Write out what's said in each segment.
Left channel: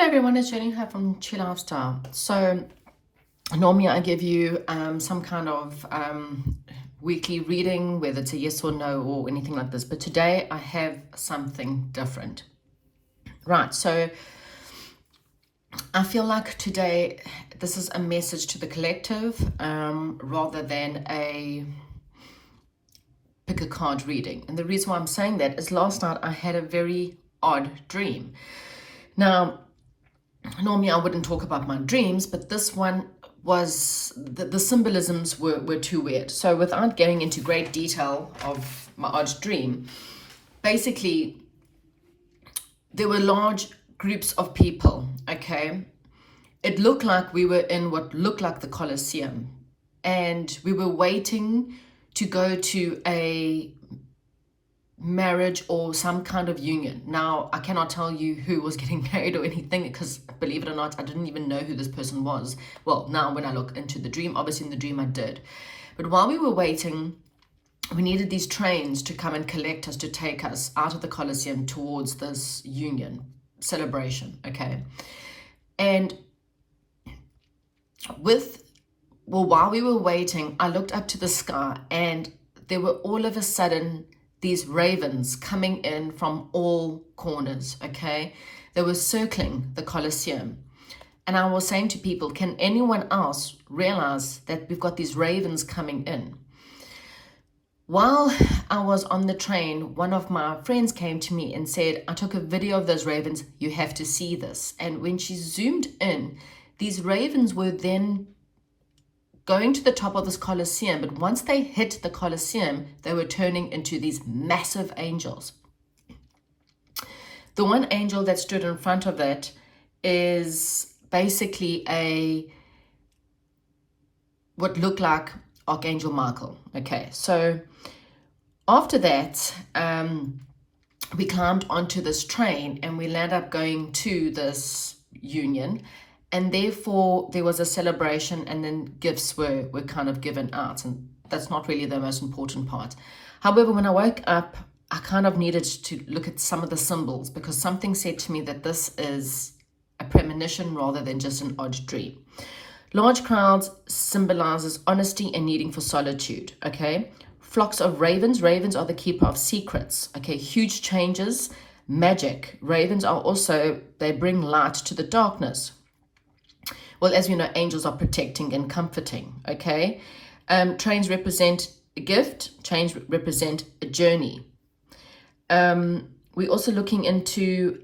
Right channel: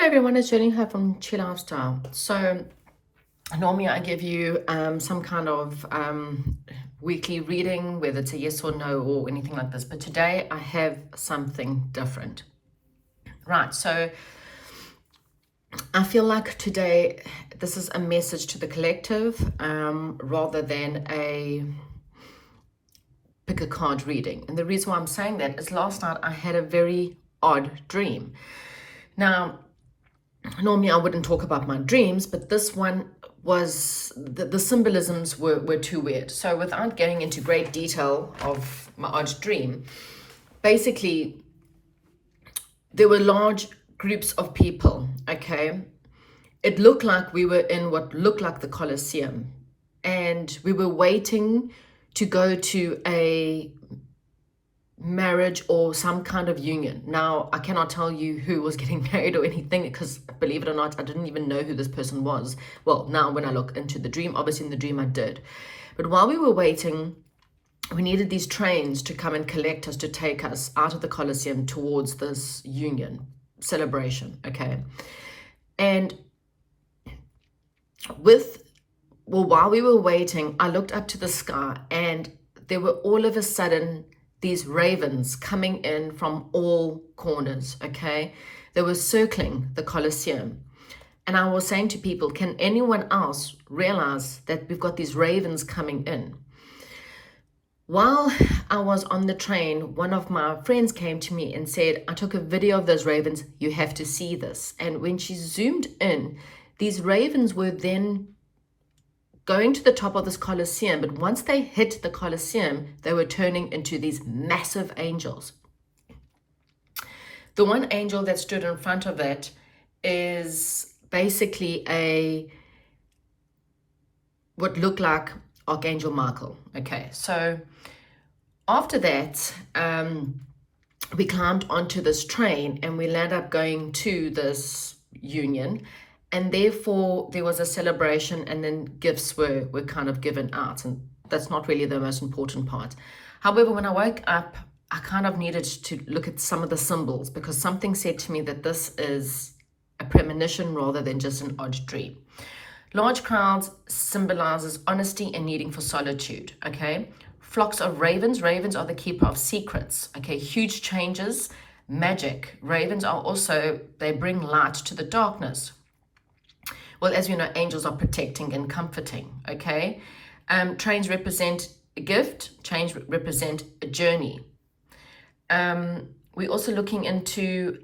Hello everyone, it's Jenny here from Chill Lifestyle. So normally I give you some kind of weekly reading, whether it's a yes or no or anything like this. But today I have something different. Right, so I feel like today this is a message to the collective rather than a pick a card reading. And the reason why I'm saying that is last night I had a very odd dream. Now, normally I wouldn't talk about my dreams, but this one was, the symbolisms were too weird. So without going into great detail of my odd dream, basically there were large groups of people, okay? It looked like we were in what looked like the Colosseum, and we were waiting to go to a marriage or some kind of union. Now, I cannot tell you who was getting married or anything because, believe it or not, I didn't even know who this person was. Well, now when I look into the dream, obviously in the dream I did. But while we were waiting, we needed these trains to come and collect us, to take us out of the Colosseum towards this union celebration, okay? And while we were waiting, I looked up to the sky and there were all of a sudden these ravens coming in from all corners, okay? They were circling the Colosseum. And I was saying to people, can anyone else realize that we've got these ravens coming in? While I was on the train, one of my friends came to me and said, I took a video of those ravens, you have to see this. And when she zoomed in, these ravens were then going to the top of this Colosseum, but once they hit the Colosseum, they were turning into these massive angels. The one angel that stood in front of that is basically what looked like Archangel Michael. Okay, so after that, we climbed onto this train and we landed up going to this union. And therefore, there was a celebration and then gifts were kind of given out. And that's not really the most important part. However, when I woke up, I kind of needed to look at some of the symbols because something said to me that this is a premonition rather than just an odd dream. Large crowds symbolizes honesty and needing for solitude, okay? Flocks of ravens. Ravens are the keeper of secrets, okay? Huge changes, magic. Ravens are also, they bring light to the darkness. Well, as you know, angels are protecting and comforting, okay? Trains represent a gift. Trains represent a journey. We're also looking into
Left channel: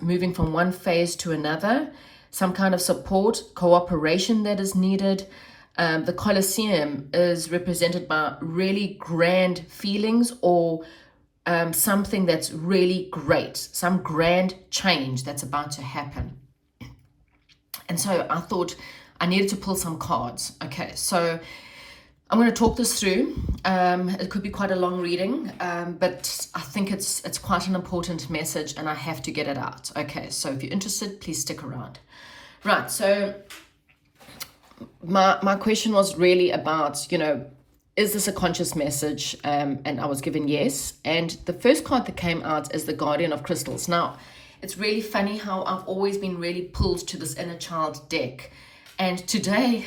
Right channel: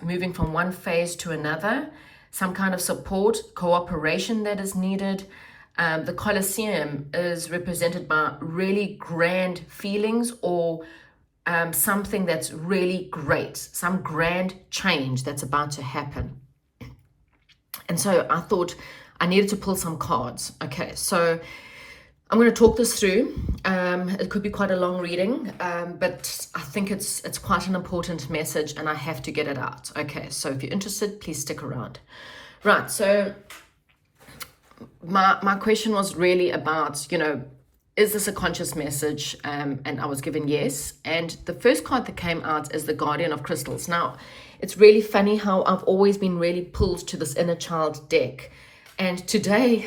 moving from one phase to another, some kind of support, cooperation that is needed. The Colosseum is represented by really grand feelings or something that's really great, some grand change that's about to happen. And so I thought I needed to pull some cards. Okay, so I'm going to talk this through. It could be quite a long reading, but I think it's quite an important message and I have to get it out. Okay, so if you're interested, please stick around. Right, so my question was really about, is this a conscious message? And I was given yes. And the first card that came out is the Guardian of Crystals. Now, it's really funny how I've always been really pulled to this inner child deck. And today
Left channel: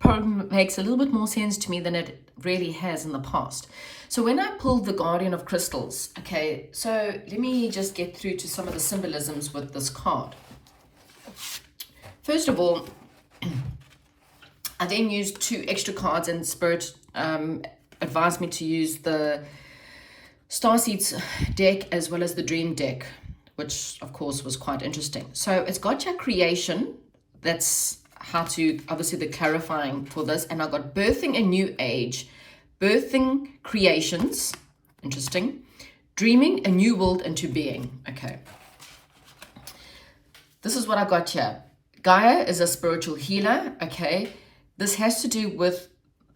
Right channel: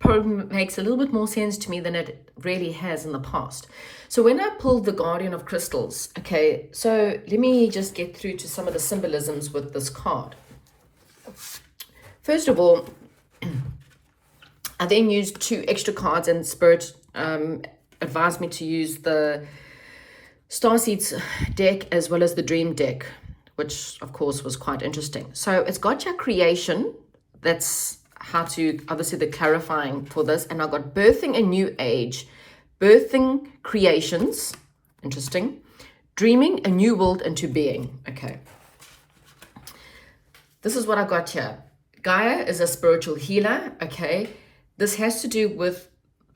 probably makes a little bit more sense to me than it really has in the past. So when I pulled the Guardian of Crystals, okay, so let me just get through to some of the symbolisms with this card. First of all, I then used 2 extra cards, and Spirit advised me to use the Starseeds deck as well as the Dream deck, which of course was quite interesting. So it's got your creation, that's how to, obviously the clarifying for this, and I got birthing a new age, birthing creations, interesting, dreaming a new world into being. Okay, this is what I got here. Gaia is a spiritual healer. Okay, this has to do with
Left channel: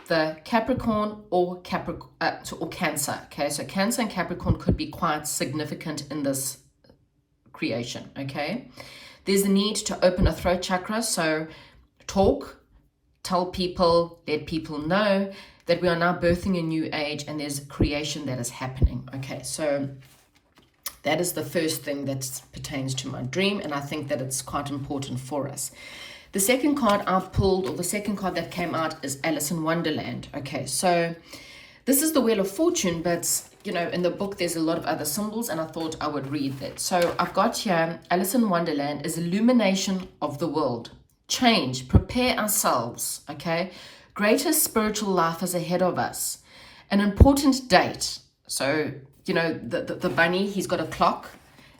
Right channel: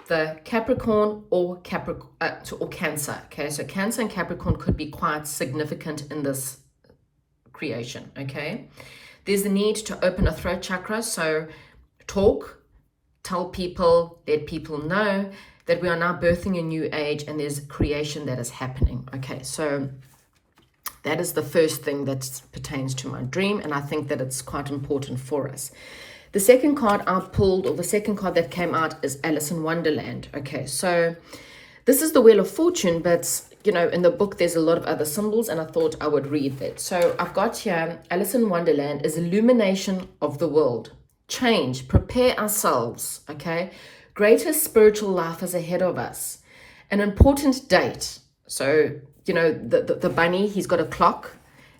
the Capricorn or Cancer. Okay, so Cancer and Capricorn could be quite significant in this creation. Okay, there's the need to open a throat chakra, so talk, tell people, let people know that we are now birthing a new age and there's creation that is happening. Okay, so That is the first thing that pertains to my dream, and I think that it's quite important for us. The second card I pulled, or the second card that came out, is Alice in Wonderland. Okay, so this is the Wheel of Fortune, but you know, in the book there's a lot of other symbols, and I thought I would read that. So I've got here, Alice in Wonderland is illumination of the world. Change, prepare ourselves, okay? Greater spiritual life is ahead of us. An important date. So, you know, the bunny, he's got a clock,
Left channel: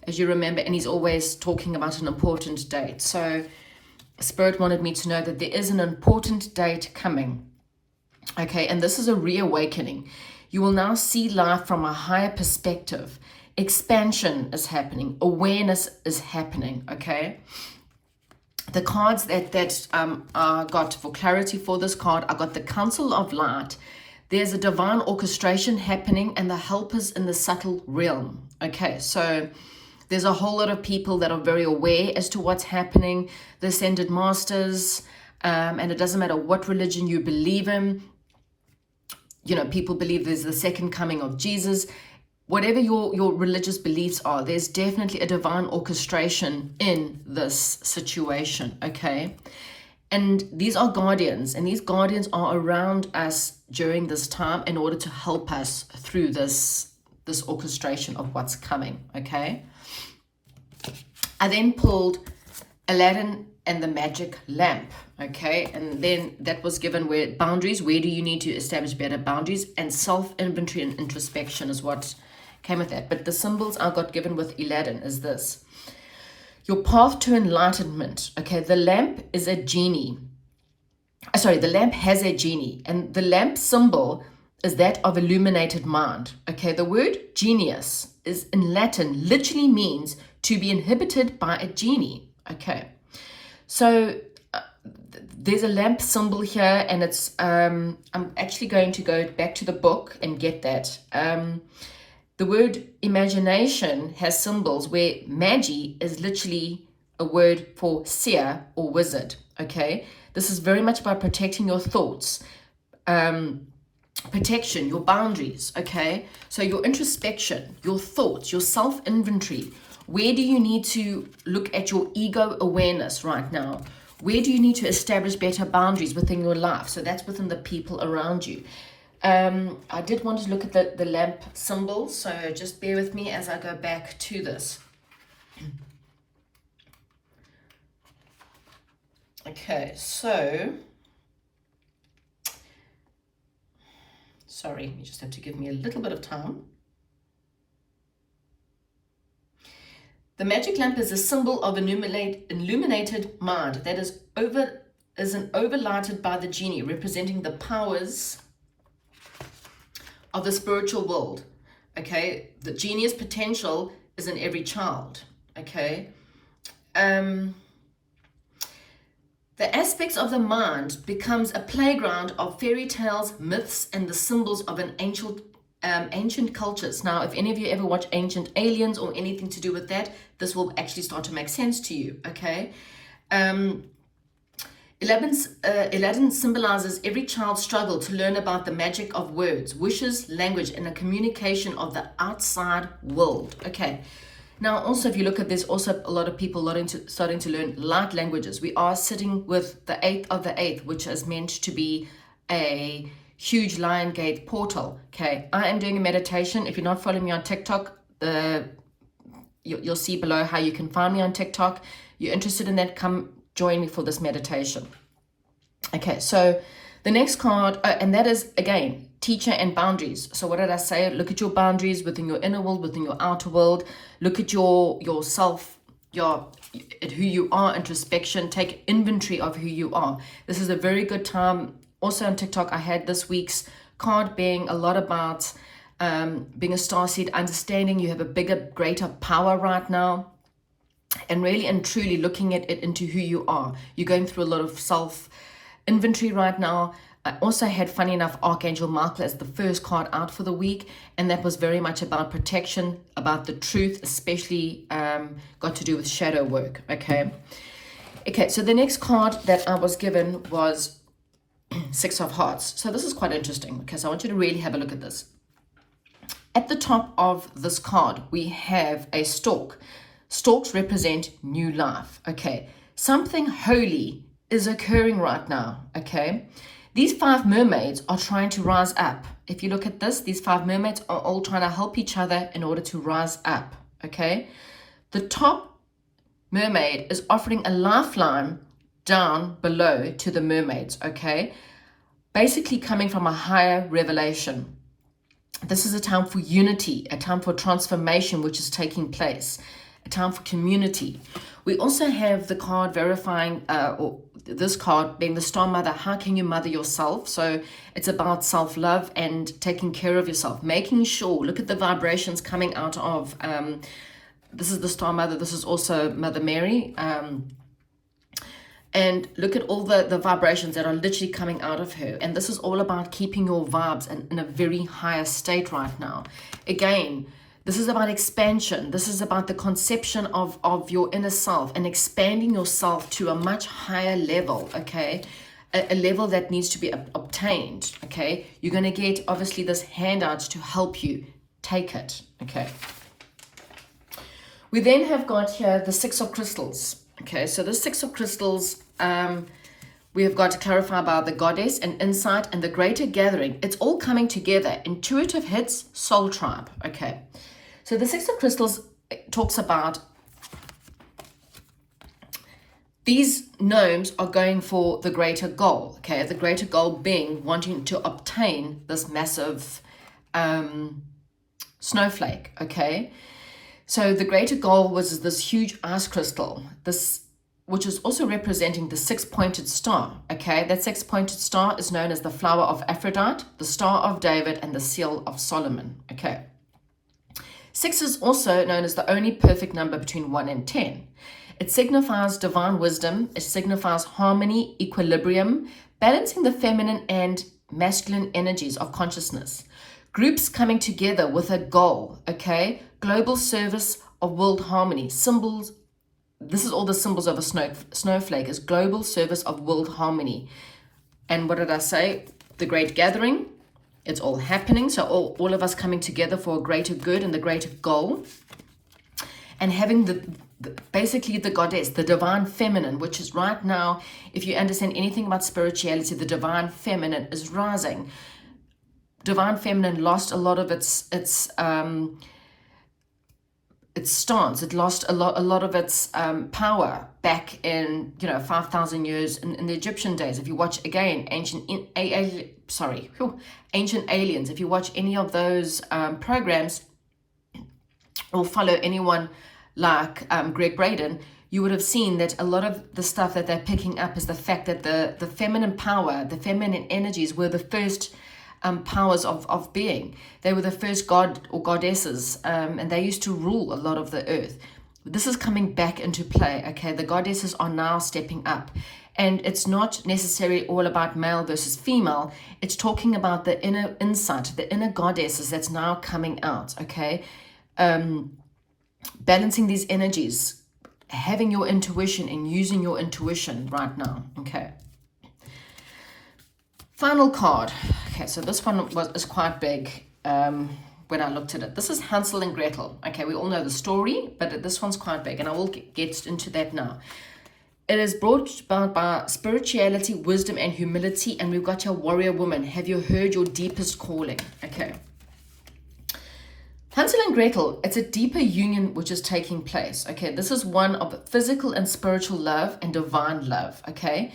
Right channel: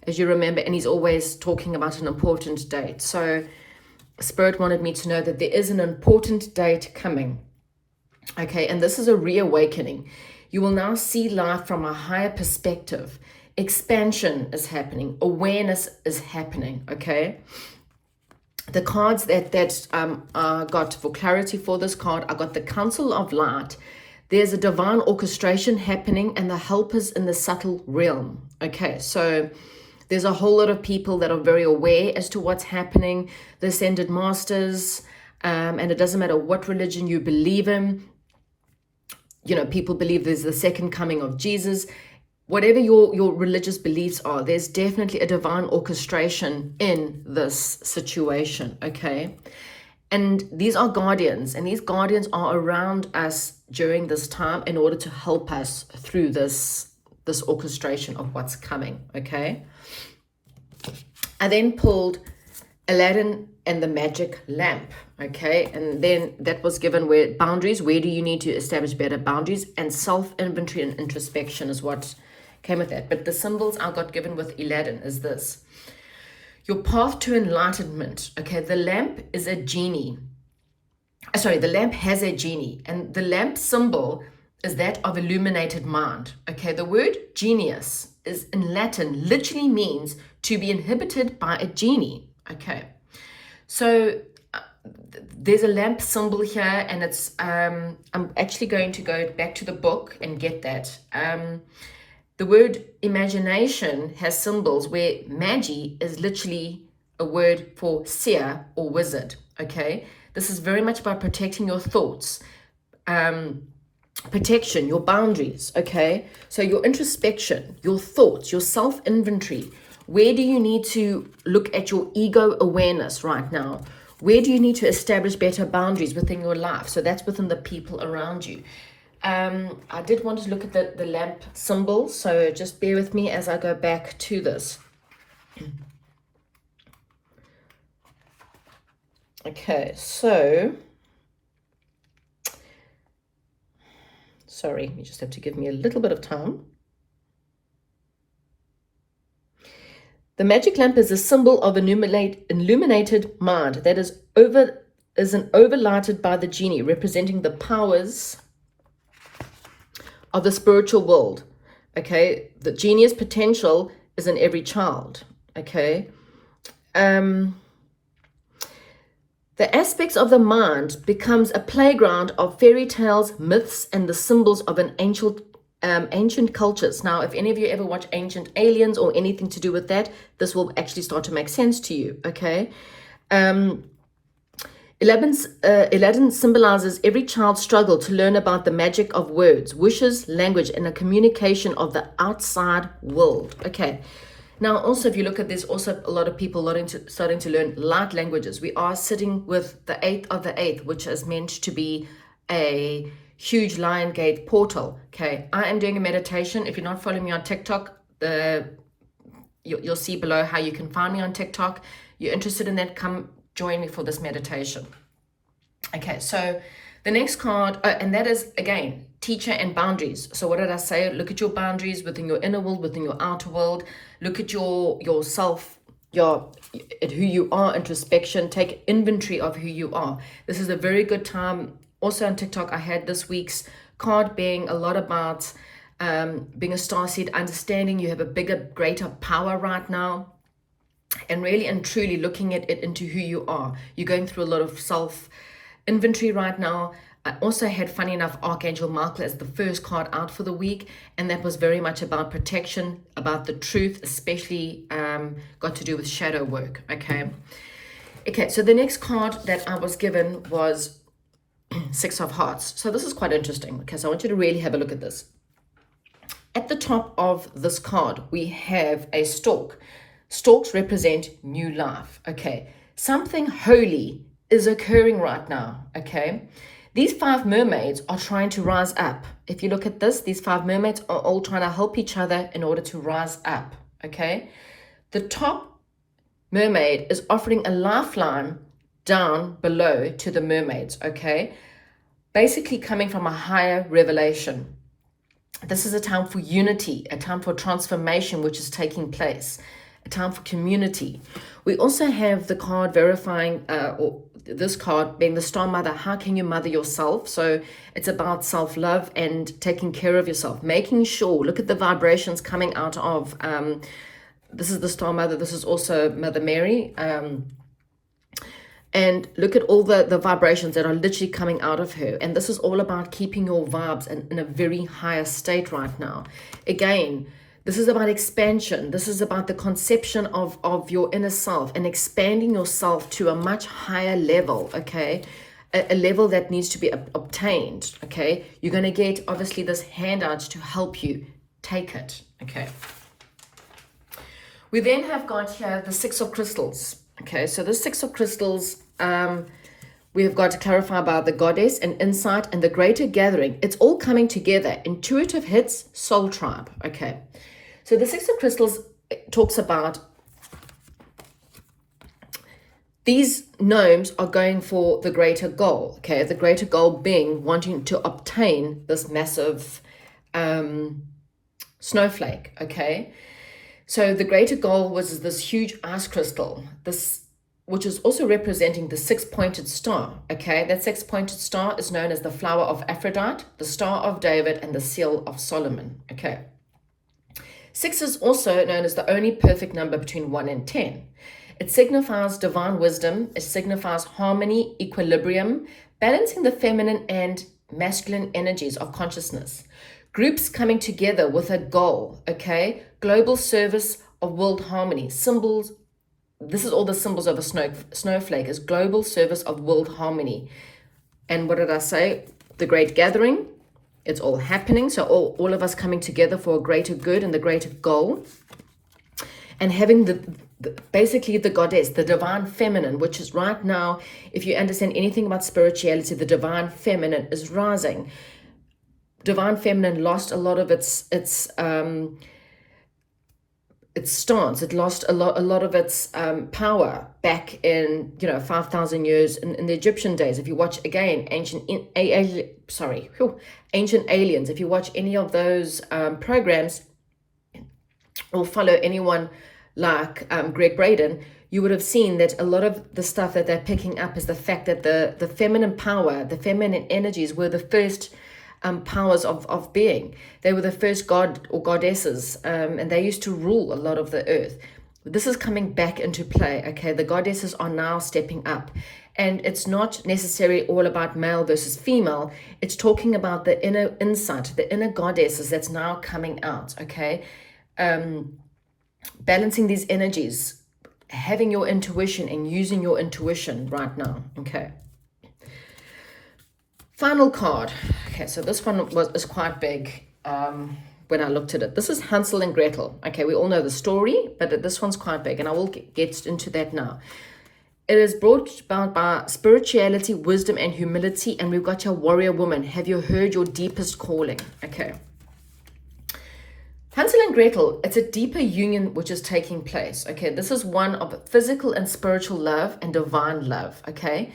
as you remember, and he's always talking about an important date. So Spirit wanted me to know that there is an important date coming. Okay, and this is a reawakening. You will now see life from a higher perspective. Expansion is happening. Awareness is happening, okay? The cards that I got for clarity for this card, I got the Council of Light. There's a divine orchestration happening and the helpers in the subtle realm. Okay, so there's a whole lot of people that are very aware as to what's happening. The Ascended Masters, and it doesn't matter what religion you believe in. You know, people believe there's the second coming of Jesus. Whatever your religious beliefs are, there's definitely a divine orchestration in this situation, okay? And these are guardians, and these guardians are around us during this time in order to help us through this orchestration of what's coming, okay? I then pulled Aladdin and the Magic Lamp, okay? And then that was given where boundaries, where do you need to establish better boundaries, and self-inventory and introspection is what came with that. But the symbols I got given with Aladdin is this. Your path to enlightenment, okay? The lamp is a genie. The lamp has a genie, and the lamp symbol is that of illuminated mind, okay? The word genius is in Latin, literally means to be inhabited by a genie, okay? So there's a lamp symbol here, and it's, I'm actually going to go back to the book and get that. The word imagination has symbols where magi is literally a word for seer or wizard, okay? This is very much about protecting your thoughts, protection, your boundaries, okay? So your introspection, your thoughts, your self-inventory. Where do you need to look at your ego awareness right now? Where do you need to establish better boundaries within your life? So that's within the people around you. I did want to look at the lamp symbol, so just bear with me as I go back to this. Okay, so, sorry, you just have to give me a little bit of time. The magic lamp is a symbol of illuminated mind that is overlighted by the genie, representing the powers of the spiritual world, okay? The genius potential is in every child, okay? The aspects of the mind becomes a playground of fairy tales, myths, and the symbols of an ancient cultures. Now, if any of you ever watch Ancient Aliens or anything to do with that, this will actually start to make sense to you, okay? Aladdin symbolizes every child's struggle to learn about the magic of words, wishes, language, and a communication of the outside world. Okay. Now, also, if you look at this, also a lot of people starting to learn light languages. We are sitting with the 8th of the 8th, which is meant to be a huge Lion Gate portal. Okay. I am doing a meditation. If you're not following me on TikTok, you'll see below how you can find me on TikTok. You're interested in that, come join me for this meditation. Okay, so the next card, and that is, again, teacher and boundaries. So what did I say? Look at your boundaries within your inner world, within your outer world. Look at yourself, who you are, introspection. Take inventory of who you are. This is a very good time. Also on TikTok, I had this week's card being a lot about being a starseed, understanding you have a bigger, greater power right now. And really and truly looking at it into who you are. You're going through a lot of self-inventory right now. I also had, funny enough, Archangel Michael as the first card out for the week. And that was very much about protection, about the truth, especially got to do with shadow work, okay? Okay, so the next card that I was given was Six of Hearts. So this is quite interesting, okay? So I want you to really have a look at this. At the top of this card, we have a stork. Storks represent new life, okay? Something holy is occurring right now, okay? These 5 mermaids are trying to rise up. If you look at this, these 5 mermaids are all trying to help each other in order to rise up, okay? The top mermaid is offering a lifeline down below to the mermaids, okay? Basically coming from a higher revelation. This is a time for unity, a time for transformation which is taking place, a time for community. We also have the card verifying, or this card being the Star Mother. How can you mother yourself? So it's about self-love and taking care of yourself, making sure, look at the vibrations coming out of, this is the Star Mother, this is also Mother Mary, and look at all the vibrations that are literally coming out of her. And this is all about keeping your vibes in a very higher state right now. Again, this is about expansion. This is about the conception of your inner self and expanding yourself to a much higher level, okay? A level that needs to be obtained, okay? You're going to get, obviously, this handout to help you take it, okay? We then have got here the 6 of crystals. Okay, so the 6 of crystals, we have got to clarify about the goddess and insight and the greater gathering. It's all coming together. Intuitive hits, soul tribe. Okay, so the 6 of crystals talks about these gnomes are going for the greater goal. Okay, the greater goal being wanting to obtain this massive snowflake. Okay. So the greater goal was this huge ice crystal, which is also representing the 6-pointed star, okay? That 6-pointed star is known as the flower of Aphrodite, the star of David, and the seal of Solomon, okay? 6 is also known as the only perfect number between 1 and 10. It signifies divine wisdom. It signifies harmony, equilibrium, balancing the feminine and masculine energies of consciousness. Groups coming together with a goal, okay? Global service of world harmony. Symbols, this is all the symbols of a snowflake, is global service of world harmony. And what did I say? The great gathering. It's all happening. So all of us coming together for a greater good and the greater goal. And having basically the goddess, the divine feminine, which is right now, if you understand anything about spirituality, the divine feminine is rising. Divine feminine lost a lot of its stance. It lost a lot of its power back in 5,000 years in the Egyptian days. If you watch again ancient aliens, if you watch any of those programs or follow anyone like Greg Braden, you would have seen that a lot of the stuff that they're picking up is the fact that the feminine power, the feminine energies were the first powers of being. They were the first god or goddesses, and they used to rule a lot of the earth. This is coming back into play, okay? The goddesses are now stepping up, and it's not necessarily all about male versus female. It's talking about the inner insight, the inner goddesses that's now coming out, okay? Balancing these energies, having your intuition and using your intuition right now, okay? Final card. Okay, so this one is quite big when I looked at it. This is Hansel and Gretel. Okay, we all know the story, but this one's quite big, and I will get into that now. It is brought about by spirituality, wisdom, and humility, and we've got your warrior woman. Have you heard your deepest calling? Okay. Hansel and Gretel, it's a deeper union which is taking place. Okay, this is one of physical and spiritual love and divine love. Okay,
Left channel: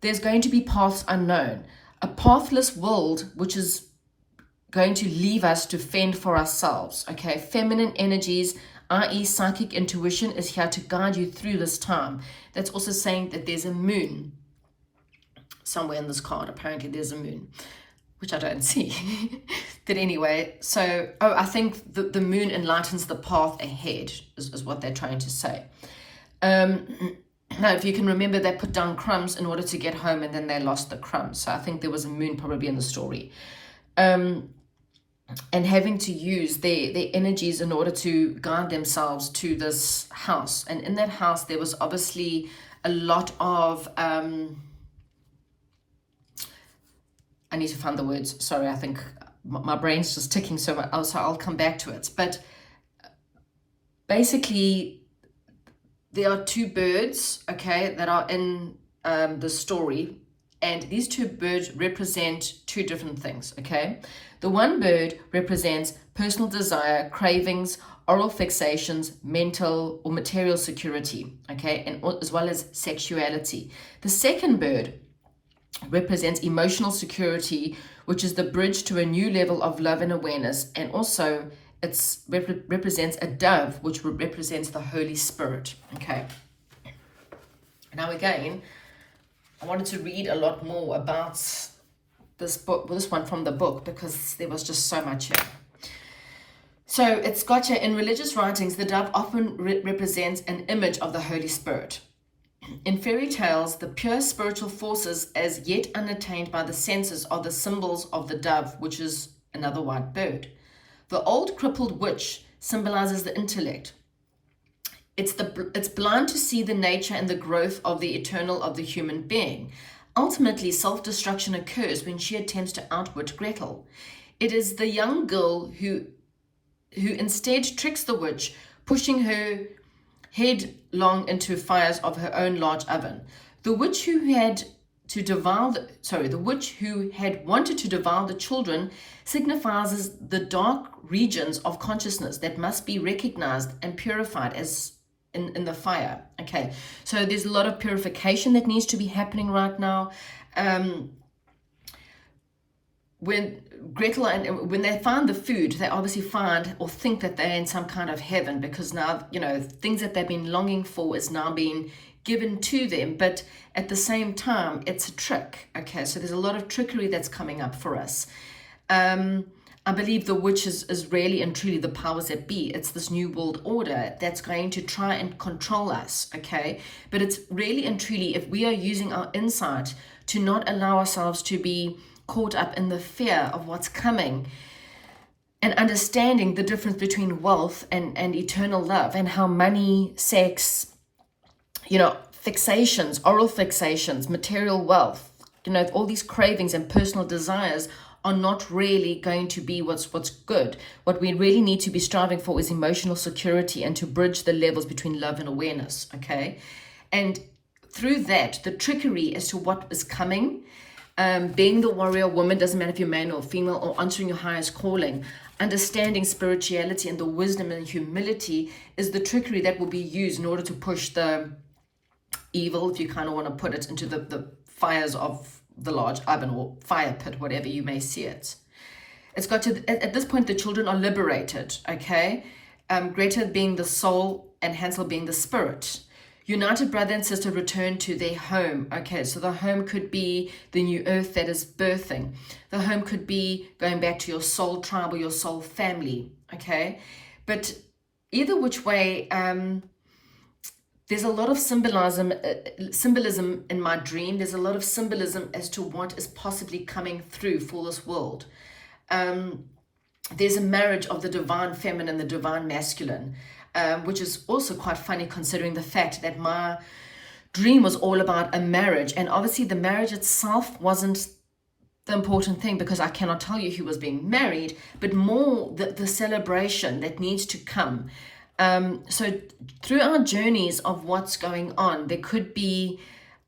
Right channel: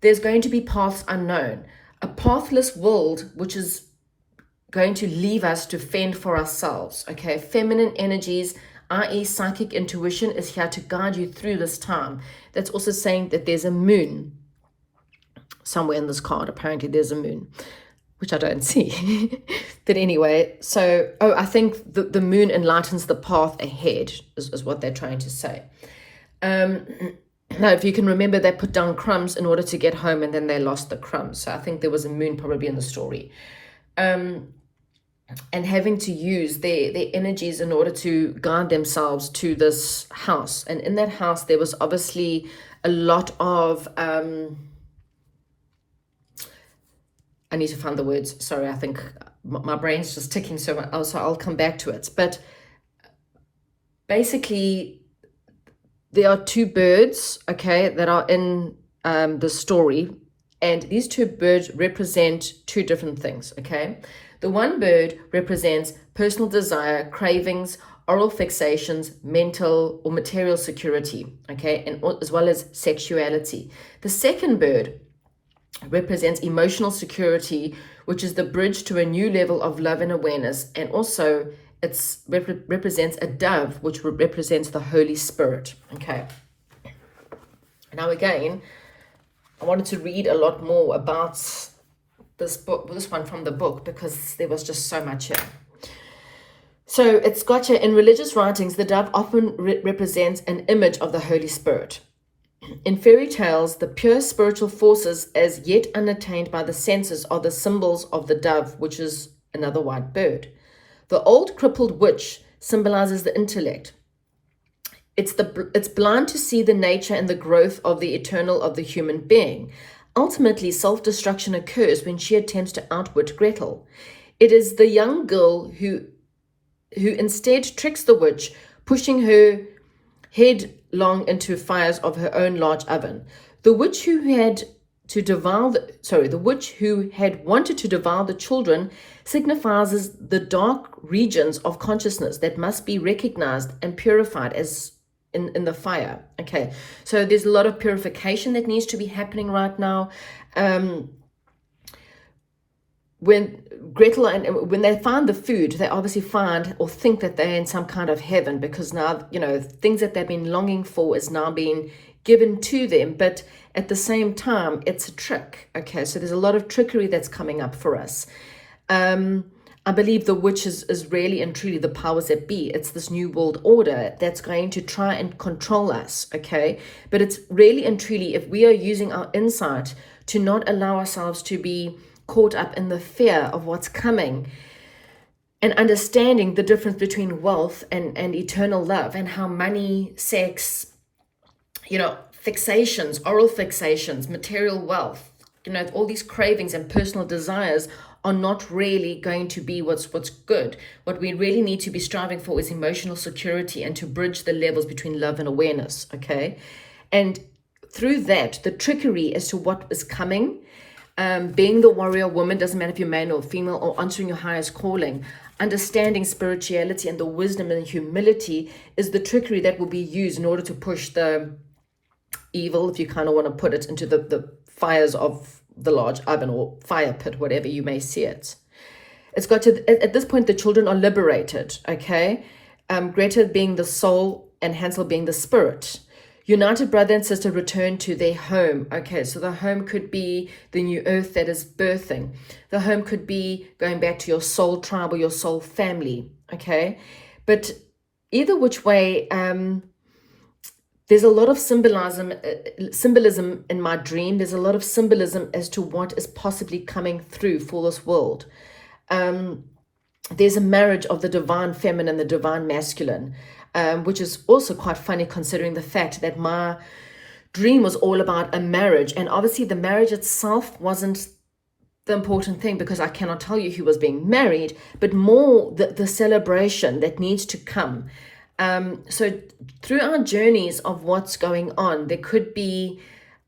there's going to be paths unknown. A pathless world which is going to leave us to fend for ourselves, okay? Feminine energies, i.e. psychic intuition, is here to guide you through this time. That's also saying that there's a moon somewhere in this card. Apparently there's a moon, which I don't see. But anyway, so, I think the moon enlightens the path ahead, is what they're trying to say. Now, if you can remember, they put down crumbs in order to get home, and then they lost the crumbs. So I think there was a moon probably in the story. And having to use their energies in order to guide themselves to this house. And in that house, there was obviously a lot of... I need to find the words. Sorry, I think my brain's just ticking so much, so I'll come back to it. But basically, there are two birds, okay, that are in the story, and these two birds represent two different things, okay? The one bird represents personal desire, cravings, oral fixations, mental or material security, okay, and as well as sexuality. The second bird represents emotional security, which is the bridge to a new level of love and awareness, and also it represents a dove, which represents the Holy Spirit, okay? Now again, I wanted to read a lot more about this one from the book, because there was just so much here. So it's got here, in religious writings, the dove often represents an image of the Holy Spirit. In fairy tales, the pure spiritual forces as yet unattained by the senses are the symbols of the dove, which is another white bird. The old crippled witch symbolizes the intellect. It's blind to see the nature and the growth of the eternal of the human being. Ultimately, self-destruction occurs when she attempts to outwit Gretel. It is the young girl who instead tricks the witch, pushing her headlong into fires of her own large oven. The witch who had wanted to devour the children signifies the dark regions of consciousness that must be recognized and purified as in the fire. Okay, so there's a lot of purification that needs to be happening right now. When Gretel and when they find the food, they obviously find or think that they're in some kind of heaven, because now, you know, things that they've been longing for is now being given to them. But at the same time, it's a trick. Okay, so there's a lot of trickery that's coming up for us. I believe the witch is really and truly the powers that be. It's this new world order that's going to try and control us, okay? But it's really and truly, if we are using our insight to not allow ourselves to be caught up in the fear of what's coming, and understanding the difference between wealth and eternal love, and how money, sex, you know, fixations, oral fixations, material wealth, you know, all these cravings and personal desires are not really going to be what's good. What we really need to be striving for is emotional security, and to bridge the levels between love and awareness, okay? And through that, the trickery as to what is coming, being the warrior woman, doesn't matter if you're male or female, or answering your highest calling, understanding spirituality and the wisdom and humility is the trickery that will be used in order to push the evil, if you kind of want to put it, into the fires of the large oven or fire pit, whatever you may see it. It's got to, at this point, the children are liberated, okay? Greta being the soul and Hansel being the spirit. United brother and sister return to their home, okay? So the home could be the new earth that is birthing. The home could be going back to your soul tribe or your soul family, okay? But either which way, there's a lot of symbolism in my dream. There's a lot of symbolism as to what is possibly coming through for this world. There's a marriage of the divine feminine, the divine masculine, which is also quite funny considering the fact that my dream was all about a marriage. And obviously the marriage itself wasn't the important thing, because I cannot tell you who was being married, but more the celebration that needs to come. So through our journeys of what's going on, there could be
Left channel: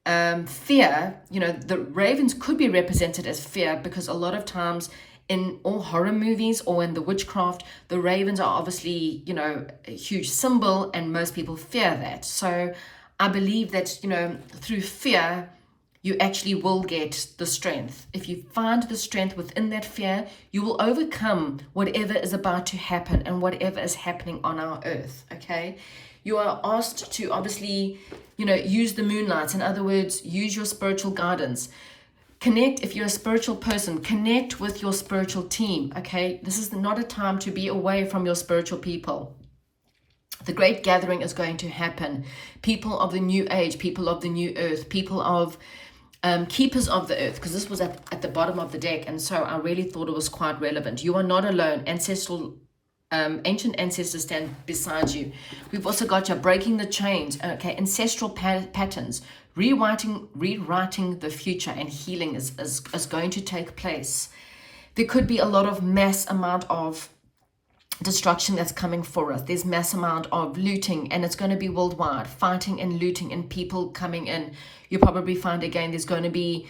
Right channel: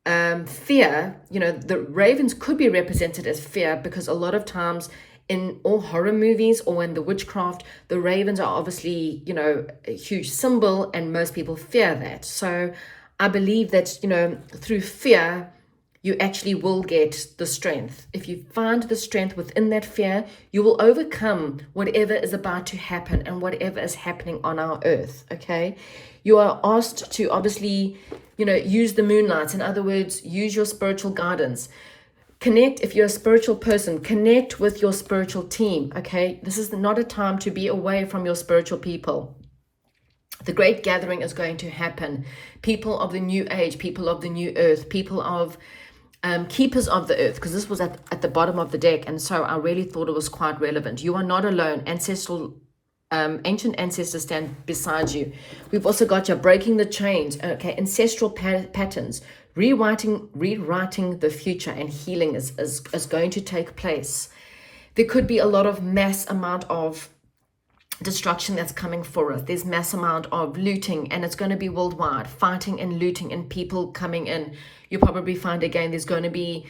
fear. You know, the ravens could be represented as fear, because a lot of times in all horror movies or in the witchcraft, the ravens are obviously, you know, a huge symbol, and most people fear that. So I believe that, you know, through fear, you actually will get the strength. If you find the strength within that fear, you will overcome whatever is about to happen and whatever is happening on our earth, okay? You are asked to obviously, you know, use the moonlight. In other words, use your spiritual guidance. Connect, if you're a spiritual person, connect with your spiritual team, okay? This is not a time to be away from your spiritual people. The great gathering is going to happen. People of the new age, people of the new earth, people of keepers of the earth, because this was at the bottom of the deck, and so I really thought it was quite relevant. You are not alone. Ancient ancestors stand beside you. We've also got you breaking the chains, okay, ancestral patterns, rewriting the future, and healing is going to take place. there could be a lot of mass amount of destruction that's coming for us. There's mass amount of looting, and it's going to be worldwide, fighting and looting and people coming in. You'll probably find again there's going to be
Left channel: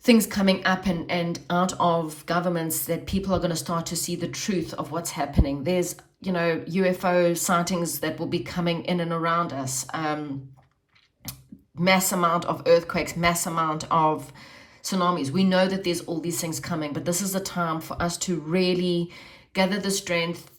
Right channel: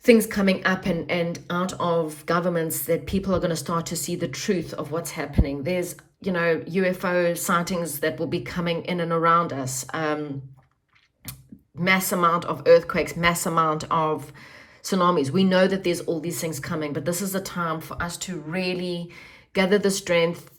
things coming up and out of governments that people are going to start to see the truth of what's happening. There's, you know, UFO sightings that will be coming in and around us. Mass amount of earthquakes, mass amount of tsunamis. We know that there's all these things coming, but this is a time for us to really gather the strength.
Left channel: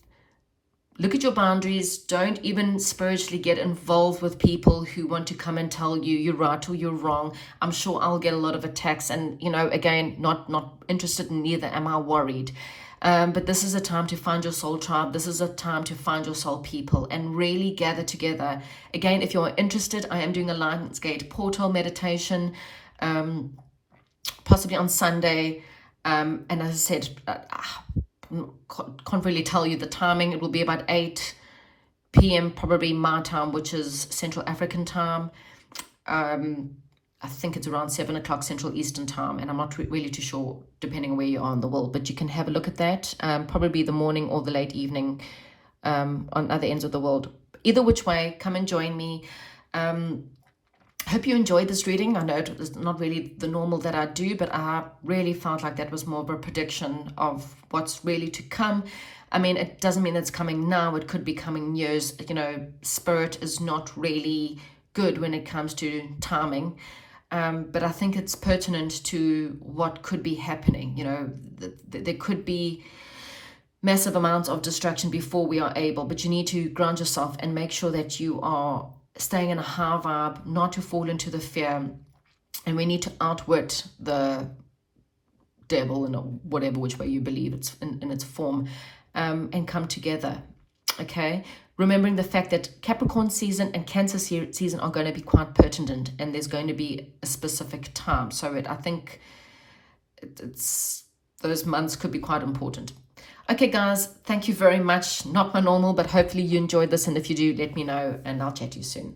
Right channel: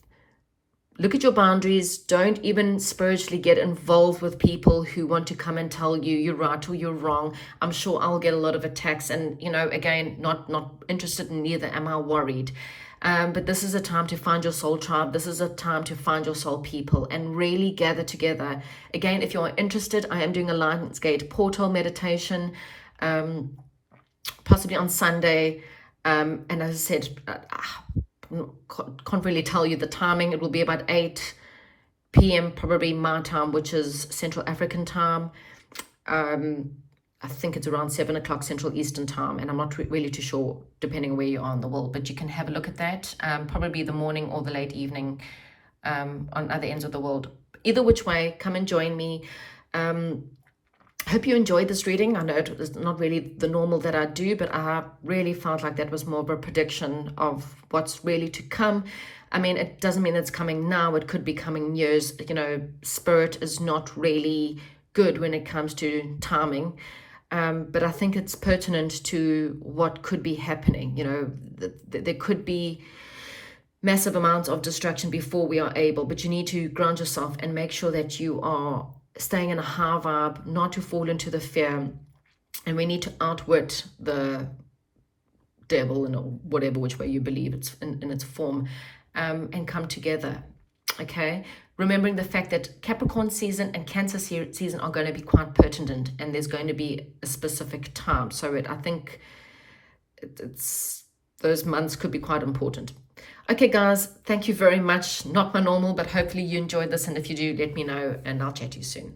Look at your boundaries. Don't even spiritually get involved with people who want to come and tell you you're right or you're wrong. I'm sure I'll get a lot of attacks, and, you know, again, not interested in neither am I worried. But this is a time to find your soul tribe. This is a time to find your soul people and really gather together. Again, if you're interested, I am doing a Lionsgate portal meditation, possibly on Sunday. And as I said, can't really tell you the timing. It will be about 8 p.m. probably my time, which is Central African time. I think it's around 7 o'clock Central Eastern time, and I'm not really too sure depending on where you are in the world, but you can have a look at that. Probably the morning or the late evening on other ends of the world. Either which way, come and join me. Hope you enjoyed this reading. I know it was not really the normal that I do, but I really felt like that was more of a prediction of what's really to come. I mean, it doesn't mean it's coming now. It could be coming years. You know, spirit is not really good when it comes to timing. But I think it's pertinent to what could be happening. You know, there could be massive amounts of distraction before we are able, but you need to ground yourself and make sure that you are staying in a high vibe, not to fall into the fear. And we need to outwit the devil in whatever which way you believe it's in its form, and come together. Okay, remembering the fact that Capricorn season and Cancer season are going to be quite pertinent, and there's going to be a specific time. So I think it's those months could be quite important. Okay, guys, thank you very much. Not my normal, but hopefully you enjoyed this. And if you do, let me know, and I'll chat to you soon.